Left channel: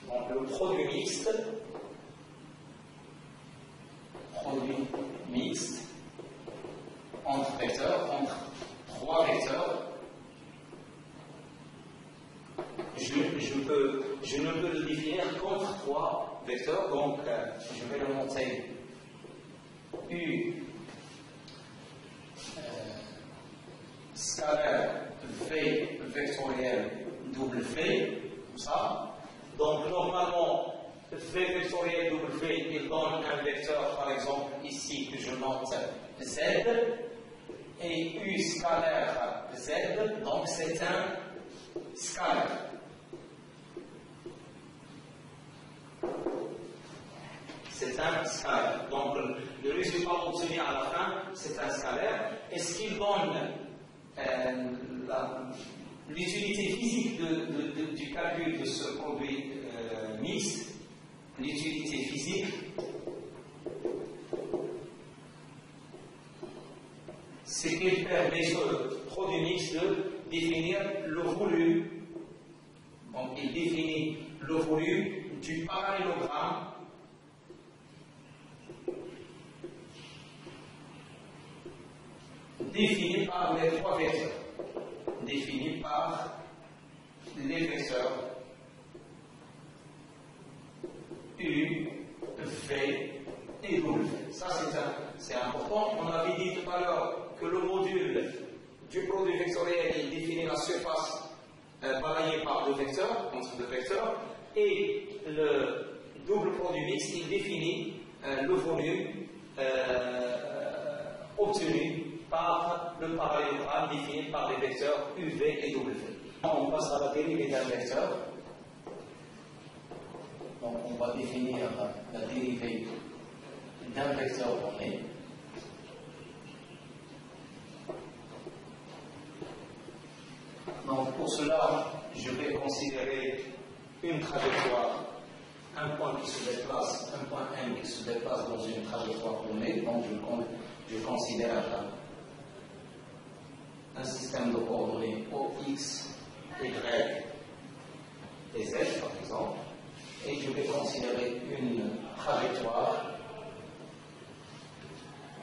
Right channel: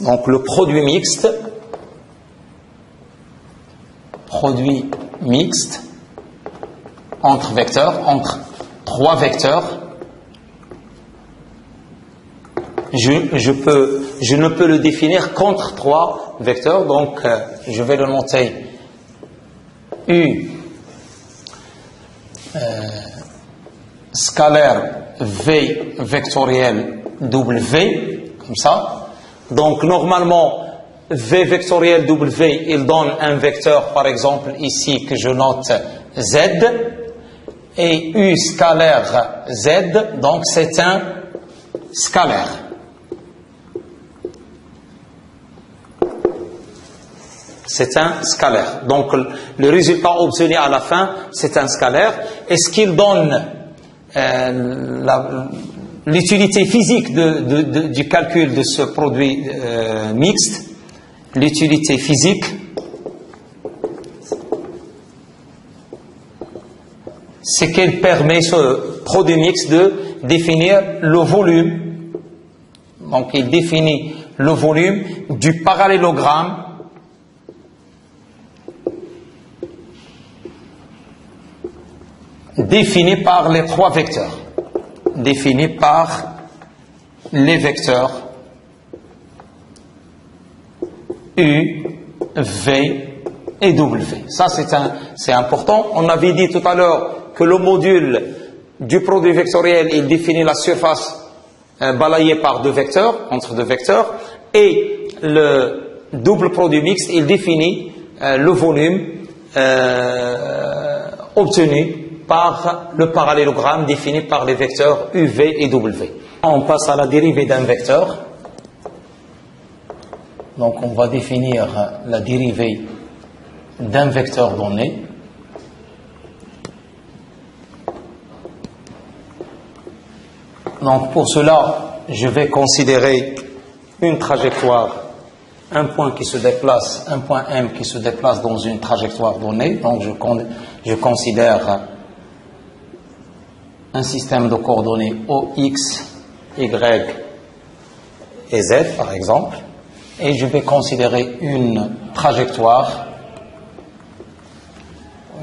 Donc le produit mixte entre vecteurs, entre trois vecteurs, je ne peux le définir qu'entre trois vecteurs, donc je vais le noter U scalaire V vectoriel W, comme ça. Donc normalement V vectoriel W, il donne un vecteur, par exemple ici que je note Z, et U scalaire Z, donc c'est un scalaire. C'est un scalaire. Donc le résultat obtenu à la fin, c'est un scalaire. Et ce qu'il donne l'utilité physique du calcul de ce produit mixte, l'utilité physique, c'est qu'elle permet, ce produit mixte, de définir le volume. Donc il définit le volume du parallélogramme défini par les trois vecteurs, défini par les vecteurs U, V et W. Ça c'est important. On avait dit tout à l'heure que le module du produit vectoriel, il définit la surface balayée par deux vecteurs, entre deux vecteurs, et le double produit mixte, il définit le volume obtenu par le parallélogramme défini par les vecteurs U, V et W. On passe à la dérivée d'un vecteur. Donc on va définir la dérivée d'un vecteur donné. Donc pour cela, je vais considérer une trajectoire, un point qui se déplace, un point M qui se déplace dans une trajectoire donnée. Donc je considère un système de coordonnées OX, Y et Z par exemple, et je vais considérer une trajectoire,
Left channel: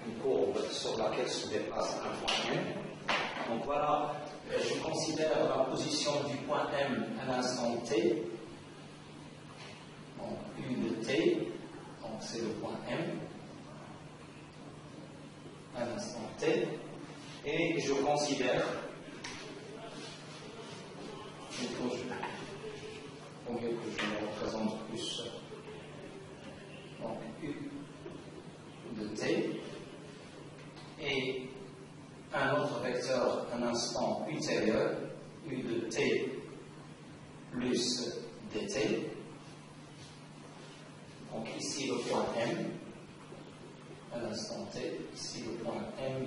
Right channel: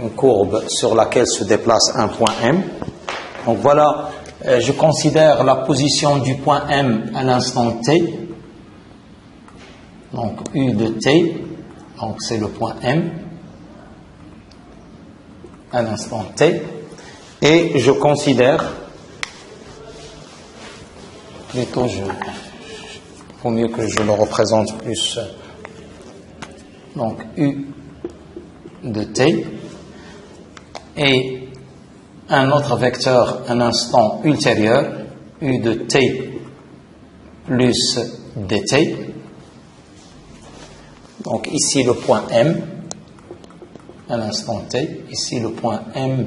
une courbe sur laquelle se déplace un point M. Donc voilà, je considère la position du point M à l'instant T, donc U de T, donc c'est le point M à l'instant T. Et je considère, plutôt vaut mieux que je le représente plus, donc U de T, et un autre vecteur, un instant ultérieur, U de T plus dt. Donc ici le point M, à l'instant t, ici le point M'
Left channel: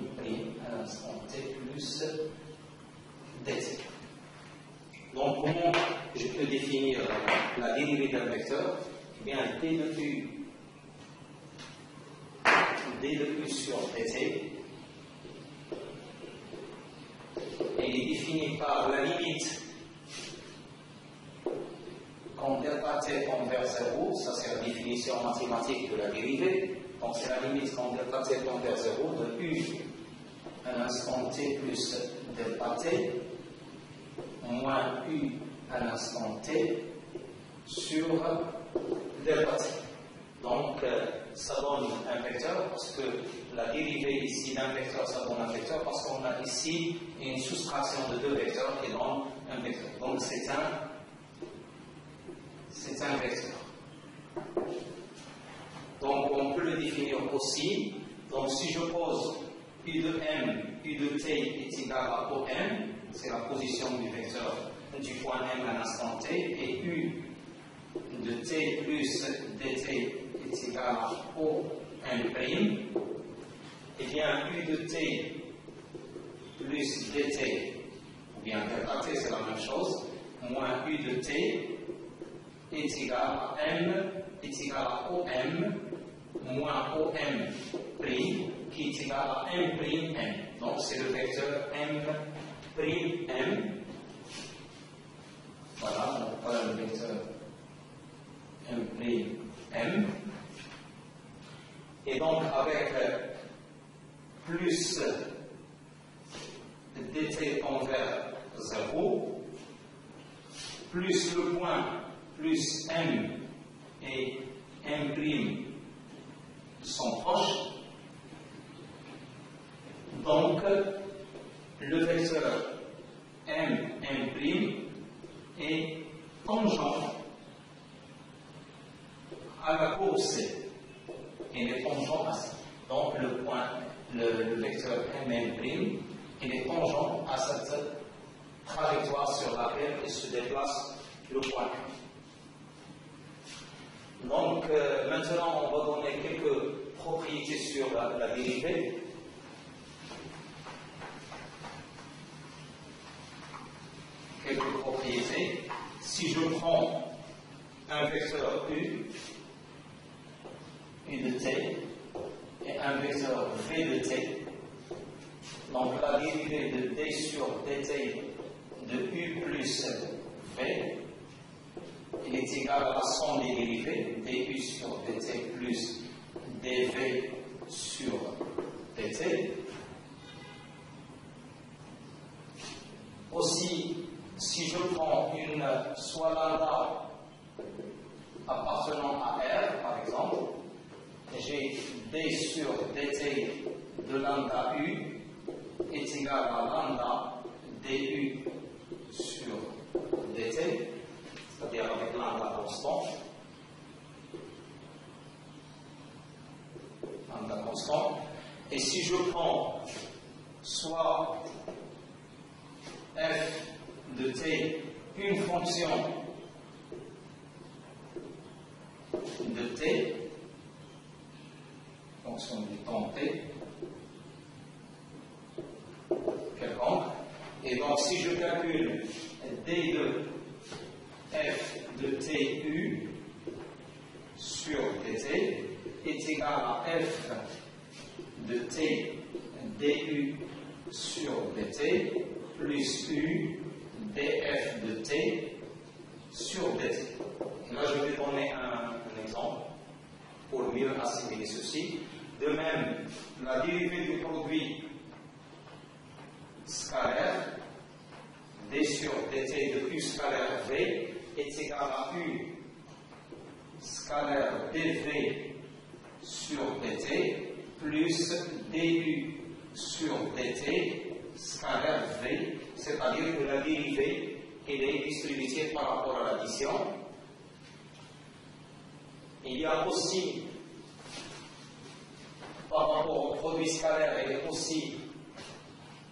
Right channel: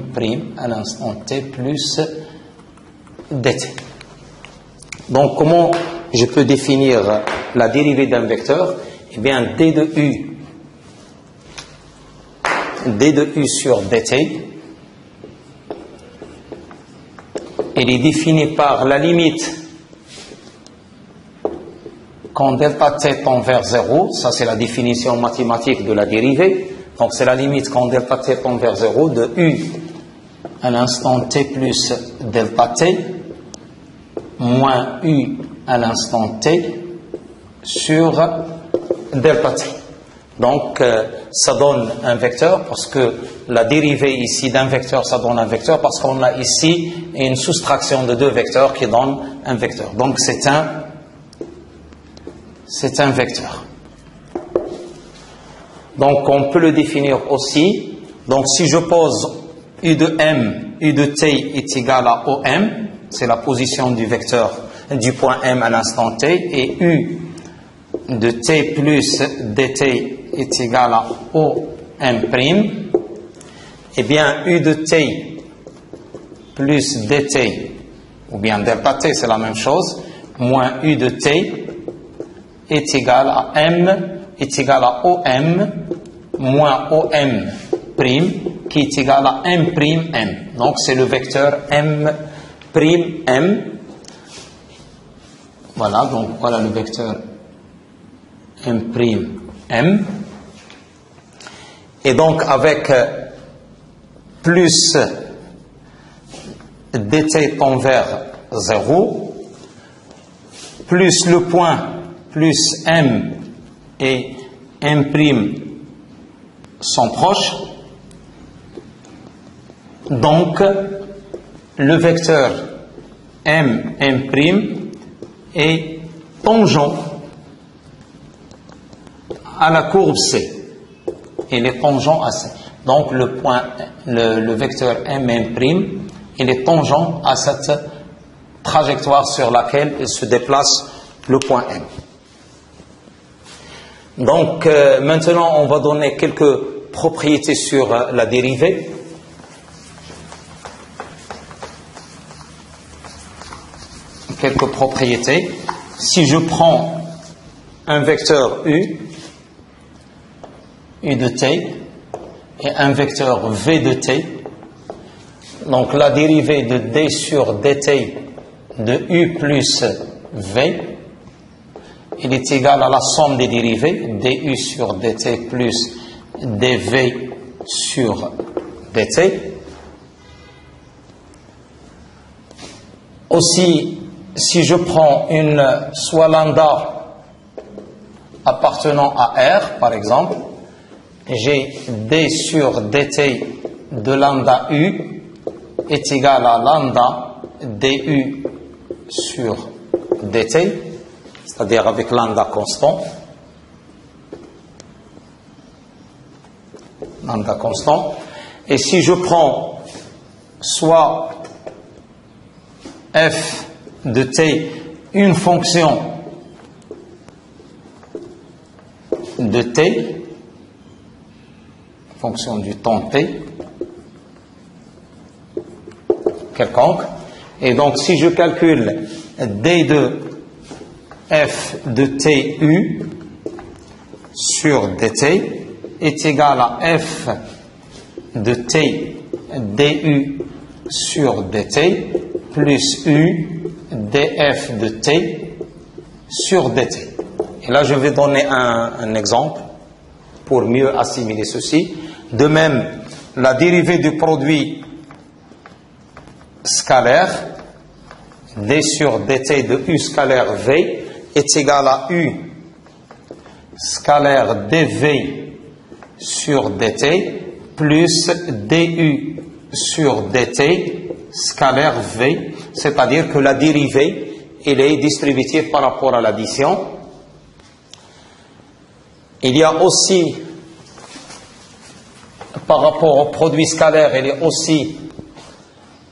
à l'instant t plus dt. Donc comment je peux définir la dérivée d'un vecteur? Eh bien d de u sur dt, elle est définie par la limite quand delta t tend vers 0, ça c'est la définition mathématique de la dérivée. Donc c'est la limite quand delta t tend vers 0 de u à l'instant t plus delta t moins u à l'instant t sur delta t. Donc ça donne un vecteur, parce que la dérivée ici d'un vecteur, ça donne un vecteur, parce qu'on a ici une soustraction de deux vecteurs qui donne un vecteur. Donc c'est un vecteur. Donc on peut le définir aussi. Donc si je pose u de m, u de t est égal à OM, c'est la position du vecteur du point M à l'instant t, et u de t plus dt est égal à OM', eh bien u de t plus dt, ou bien delta t c'est la même chose, moins u de t est égal à m, est égal à OM moins OM' qui est égal à M'. Donc c'est le vecteur M'. Voilà, donc voilà le vecteur M', et donc avec plus dt tend vers 0, plus le point, plus M et M' sont proches, donc le vecteur M', est tangent à la courbe C. Il est tangent à C. Donc le vecteur M', il est tangent à cette trajectoire sur laquelle il se déplace le point M. Donc maintenant on va donner quelques propriétés sur la dérivée. Quelques propriétés. Si je prends un vecteur U de t, et un vecteur V de t, donc la dérivée de d sur dt de U plus V, il est égal à la somme des dérivées, du sur dt plus dv sur dt. Aussi, si je prends soit lambda appartenant à R, par exemple, j'ai d sur dt de lambda U est égal à lambda du sur dt, c'est-à-dire avec lambda constant. Lambda constant. Et si je prends soit f de t, une fonction de t, fonction du temps t, quelconque, et donc si je calcule d de f de tu sur dt est égal à f de t du sur dt plus u df de t sur dt. Et là, je vais donner un exemple pour mieux assimiler ceci. De même, la dérivée du produit scalaire, d sur dt de u scalaire v, est égal à u scalaire dv sur dt plus du sur dt scalaire v, c'est-à-dire que la dérivée, elle est distributive par rapport à l'addition. Il y a aussi, par rapport au produit scalaire, elle est aussi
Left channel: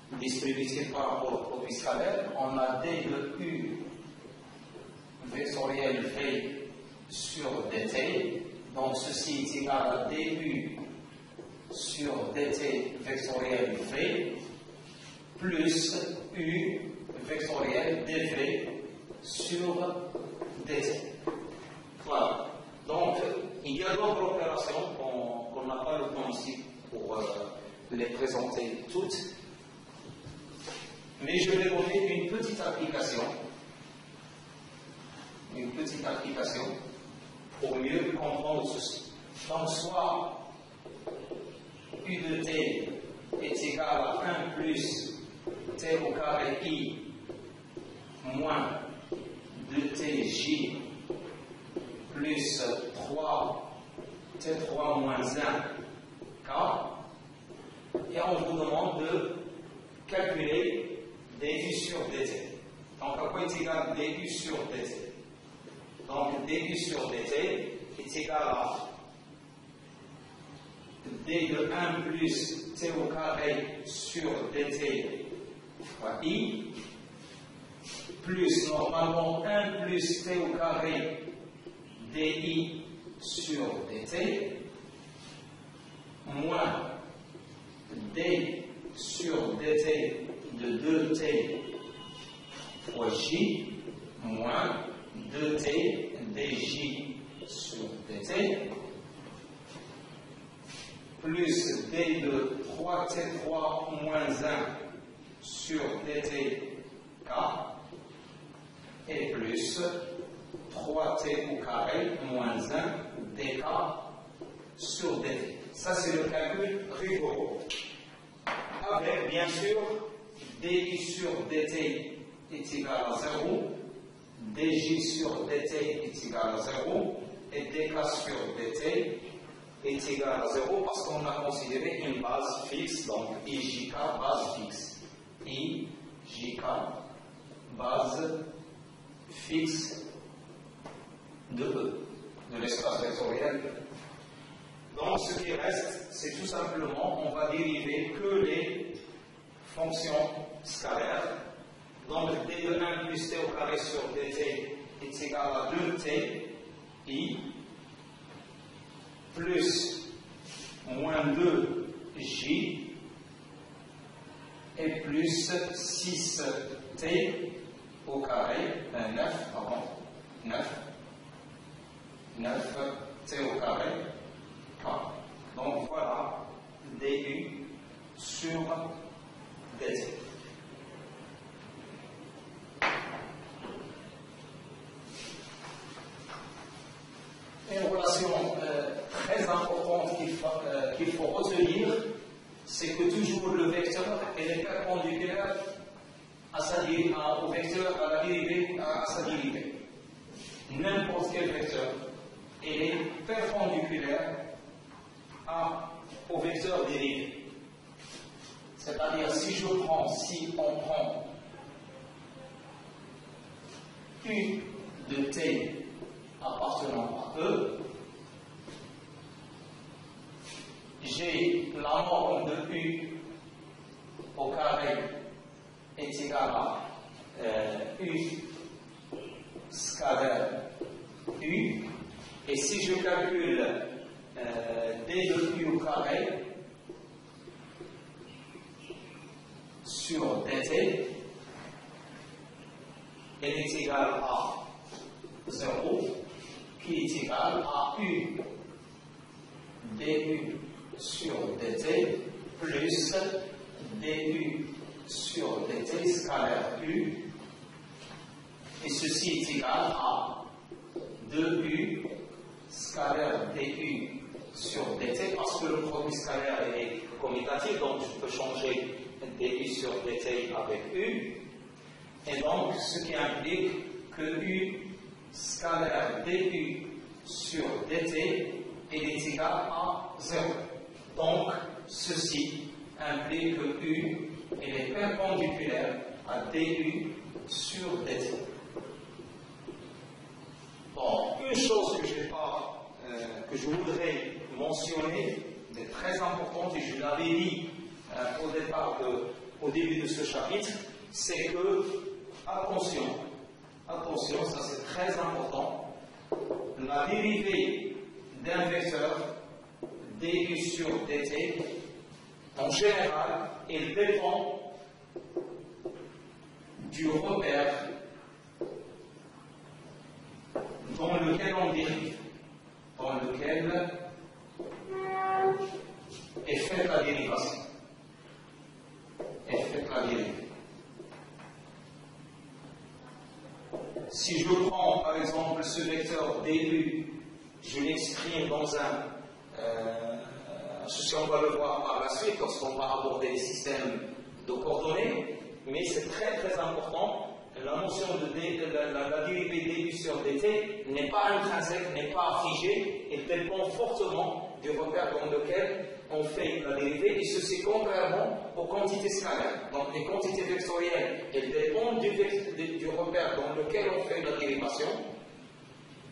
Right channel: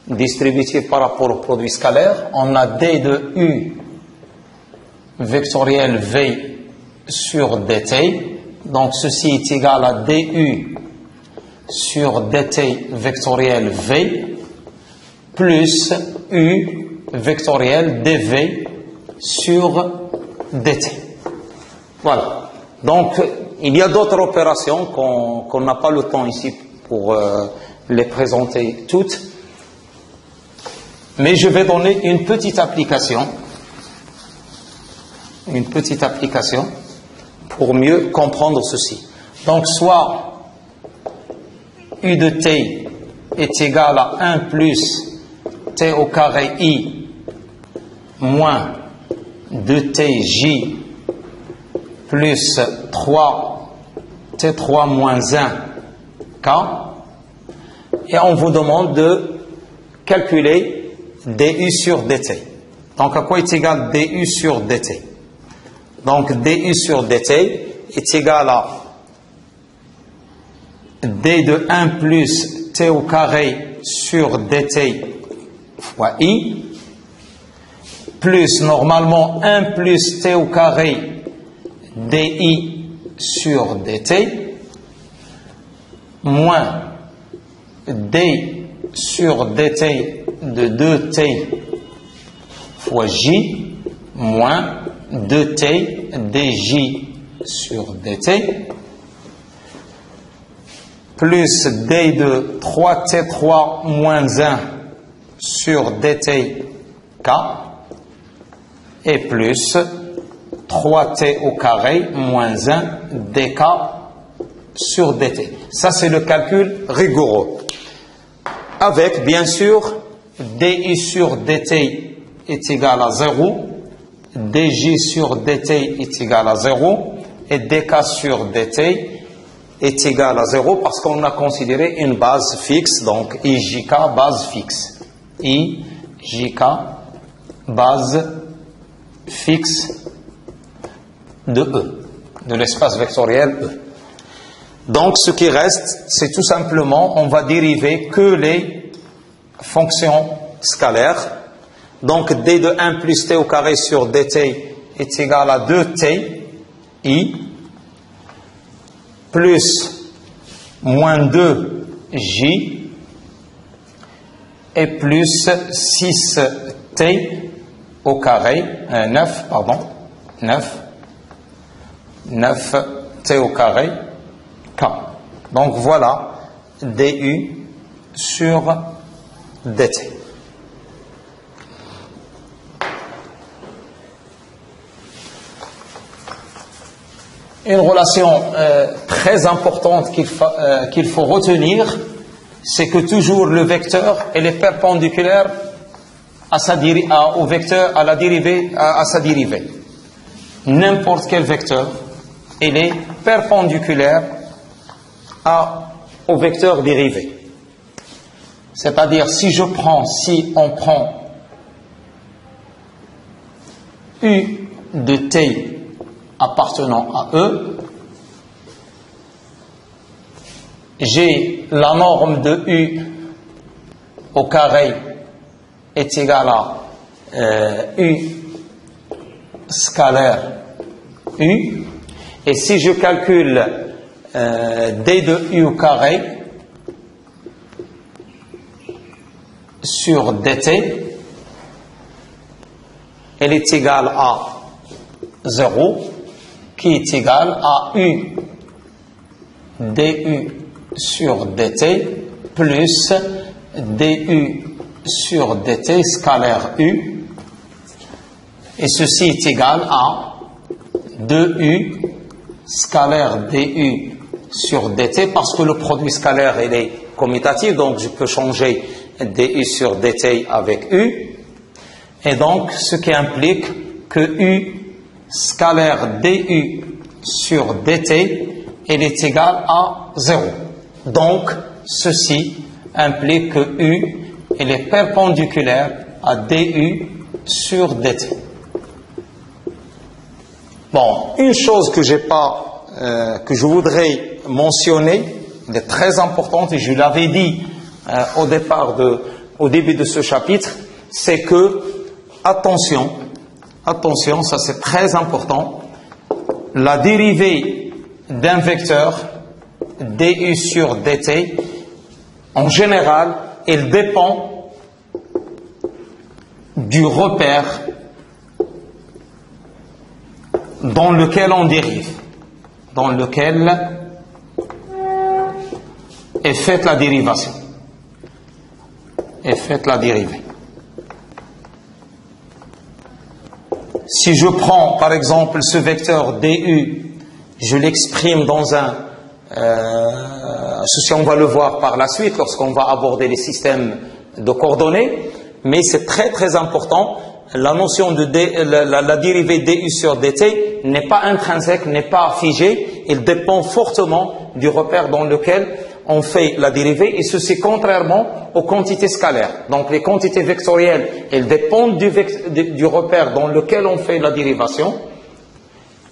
distributive par rapport au produit scalaire. On a d de u vectoriel v sur dt, donc ceci est égal à du sur dt vectoriel v plus u vectoriel dv sur dt. Voilà. Donc, il y a d'autres opérations qu'on n'a pas le temps ici pour les présenter toutes. Mais je vais donner une petite application pour mieux comprendre ceci. Donc, soit u de t est égal à 1 plus t au carré i moins 2tj plus 3 t3 moins 1 k, et on vous demande de calculer du sur dt. Donc à quoi est égal du sur dt? Donc du sur dt est égal à d de 1 plus t au carré sur dt fois i, plus normalement 1 plus t au carré di sur dt, moins d sur dt de 2t fois j, moins 2t dj sur dt, plus d de 3t3 moins 1 sur dt k, et plus 3t au carré moins 1 dk sur dt. Ça, c'est le calcul rigoureux. Avec, bien sûr, di sur dt est égal à 0, dj sur dt est égal à 0, et dk sur dt est égal à 0 parce qu'on a considéré une base fixe, donc ijk base fixe. ijk base fixe de E, de l'espace vectoriel E. Donc ce qui reste, c'est tout simplement, on va dériver que les fonctions scalaires. Donc d de 1 plus t au carré sur dt est égal à 2t i plus moins 2j et plus 6t au carré, 9t au carré k. Donc voilà du sur dt. Une relation très importante qu'il faut retenir, c'est que toujours le vecteur est perpendiculaire au vecteur, à sa dérivée. N'importe quel vecteur, il est perpendiculaire au vecteur dérivé. C'est-à-dire, si on prend u de t appartenant à E, j'ai la norme de U au carré est égale à U scalaire U, et si je calcule D de U au carré sur dt, elle est égale à 0, qui est égal à U du sur dt plus du sur dt scalaire U, et ceci est égal à 2U scalaire du sur dt, parce que le produit scalaire il est commutatif, donc je peux changer du sur dt avec U, et donc ce qui implique que U scalaire du sur dt, elle est égale à 0. Donc, ceci implique que U, elle est perpendiculaire à du sur dt. Bon, une chose que que je voudrais mentionner, elle est très importante, et je l'avais dit au début de ce chapitre, c'est que, attention, ça c'est très important, la dérivée d'un vecteur du sur dt, en général, elle dépend du repère dans lequel on dérive, dans lequel est faite la dérivation, est faite la dérivée. Si je prends par exemple ce vecteur du, je l'exprime dans ceci on va le voir par la suite lorsqu'on va aborder les systèmes de coordonnées, mais c'est très très important, la notion de la dérivée du sur dt n'est pas intrinsèque, n'est pas figée, elle dépend fortement du repère dans lequel on fait la dérivée, et ceci contrairement aux quantités scalaires. Donc les quantités vectorielles, elles dépendent du repère dans lequel on fait la dérivation.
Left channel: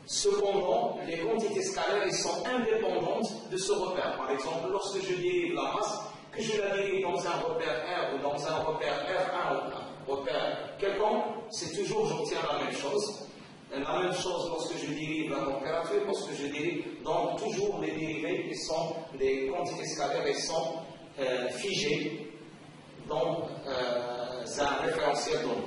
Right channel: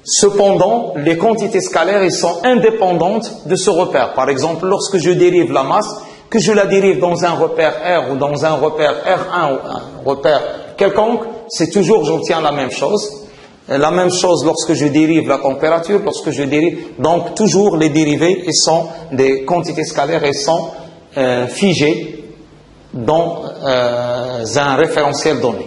Cependant, les quantités scalaires, elles sont indépendantes de ce repère. Par exemple, lorsque je dérive la masse, que je la dérive dans un repère R ou dans un repère R1 ou un repère quelconque, c'est toujours, j'obtiens la même chose. La même chose lorsque je dérive la température, lorsque je dérive, donc toujours les dérivées, elles sont des quantités scalaires, elles sont figées dans un référentiel donné.